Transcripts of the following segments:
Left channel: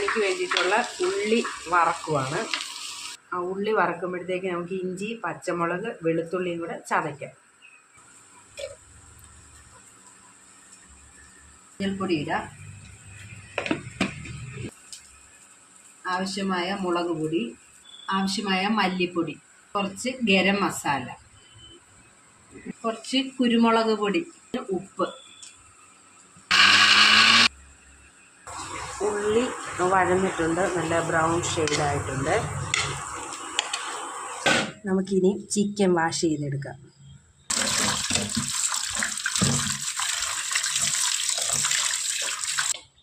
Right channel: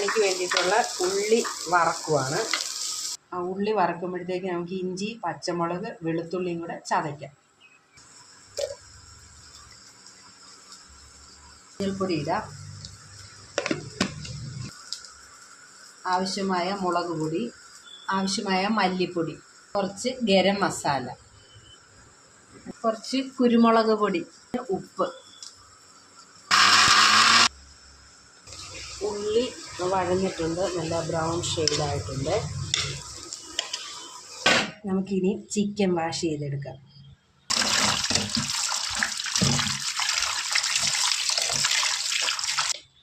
ബിരിയാണിക്ക് വേണ്ടിയിട്ടുള്ള ഉള്ളി വറക്കുവാണ്. ആ ഉള്ളി വറക്കുമ്പോഴത്തേക്ക് നമുക്ക് ഇഞ്ചി, പച്ചമുളക്, വെളുത്തുള്ളിയും കൂടെ ചതയ്ക്കാം. മഞ്ഞൾപ്പൊടി ഇടാം, ആവശ്യമായ മുളക് പൊടി, ആവശ്യമായ മല്ലിപ്പൊടി, കുറച്ച് ഗരം മസാല, കുറച്ച് കുരുമുളക് പൊടി, ഉപ്പ്. ഉള്ളി വഴന്നിട്ടുണ്ട്, നല്ല ബ്രൗൺ ഷെയ്ഡായിട്ടുണ്ട്. നമുക്കിനി ചിക്കൻ വാഷ് ചെയ്തെടുക്കാം.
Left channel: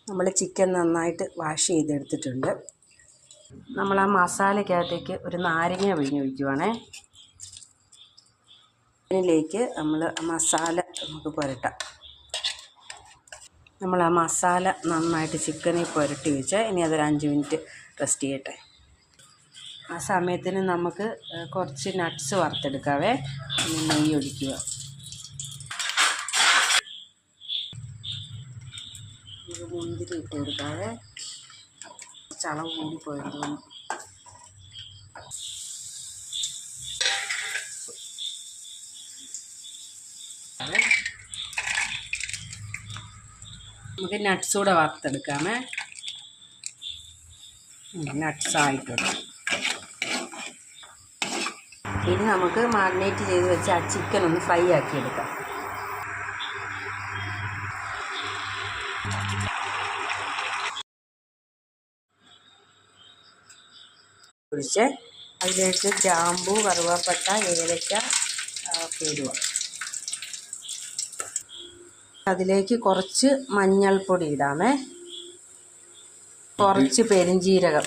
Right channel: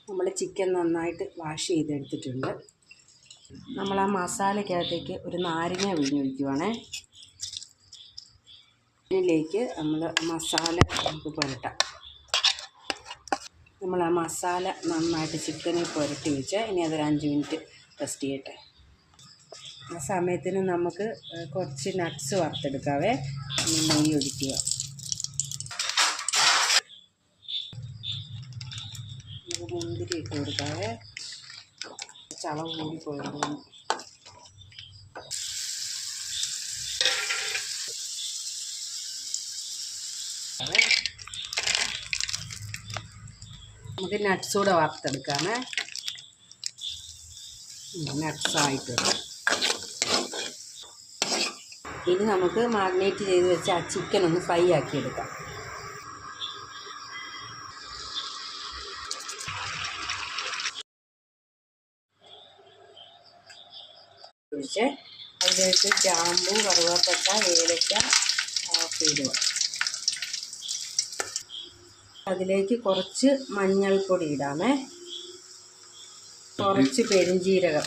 നമ്മൾ ചിക്കൻ നന്നായിട്ട് വാഷ് ചെയ്തെടുത്തിട്ടുണ്ട്. നമ്മൾ ആ മസാലയ്ക്കകത്തേക്ക് ഒരു നാരങ്ങ പിഴിഞ്ഞൊഴിക്കുവാണേ. ഇതിലേക്ക് നമ്മൾ മസാല നമുക്ക് പുരട്ടാം. നമ്മൾ ആ മസാല നന്നായിട്ട് ചിക്കനിൽ പുരട്ടി വെച്ച് ഇനി അതൊരു 5 മിനിറ്റ് റെസ്റ്റ് ചെയ്യട്ടെ. ആ സമയത്തിന് നമുക്ക് കുറച്ച് നട്ട്സ് വറുത്തെടുക്കാവേ. നെയ്യ് ഒഴിക്കുക. നമുക്ക് മുന്തിരി ഇട്ട് കൊടുക്കാവേ. ചളവ് കൂടിപ്പോയിരുന്നു. നമുക്ക് നട്ട്സ് കൂടെ വറുത്തെടുക്കാമേ. നട്ട്സ് ആയിട്ടുണ്ട്. ഇനി നമുക്ക് മാഗ്നേറ്റ് ചെയ്ത് വെച്ച് ആ ചിക്കൻ ഒന്ന് ഫ്രൈ ആക്കി എടുക്കാം. ഒഴിച്ച് അതിലേക്ക് ഗ്രാമ്പൂ, കറുവാപ്പട്ട, ഏലക്ക ഒക്കെ ഇടുക. അതിലേക്ക് കുറച്ച് മഞ്ഞൾപ്പൊടി ഇടാമേ, കുറച്ച് പെരുംജീരകം,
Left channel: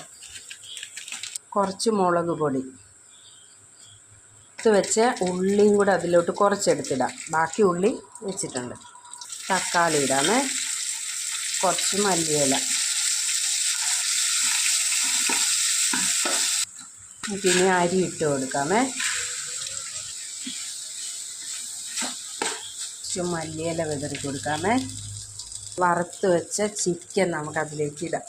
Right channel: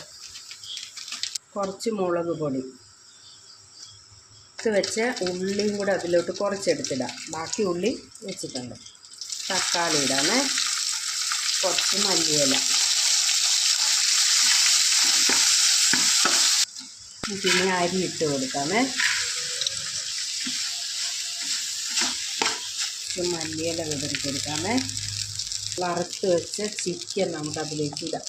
കുറച്ച് മുളക് പൊടി. വെച്ച് ഉള്ളിയും കൂടെ അതിലോട്ട് കുറച്ചെടുത്തിടാം. ബാക്കി ഉള്ളി വെച്ചിട്ടുണ്ട്. തക്കാളി ഇടാമേ, കുറച്ച് മല്ലിയില. പിന്നെ അരി ഇട്ട് കൊടുക്കാമേ. മല്ലിയില വിതറി കൊടുക്കാമേ. വറുത്ത് വെച്ച ചിക്കൻ നമുക്കതിലേക്ക് ഇടാം.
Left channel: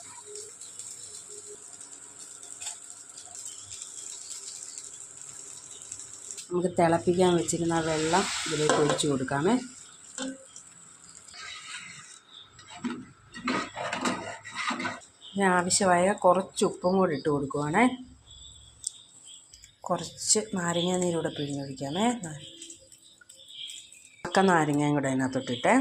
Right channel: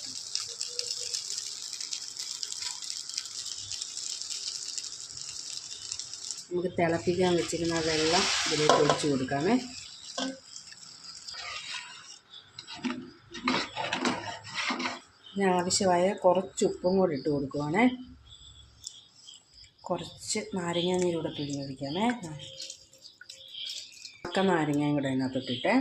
നമുക്ക് തിളപ്പിക്കാൻ വെച്ചിരുന്ന വെള്ളം ഇതിലേക്ക് ഒഴിച്ച് കൊടുക്കാമേ. ആവശ്യമായ കുറച്ച് ഉപ്പും കൂടി ഇട്ട് കൊടുക്കുവാണേ. കുറച്ച് നാരങ്ങാനീരൂടെ പിഴിഞ്ഞൊഴിക്കാമേ. നാരങ്ങയും കൂടെ അതിനകത്തോട്ടിട്ടേ.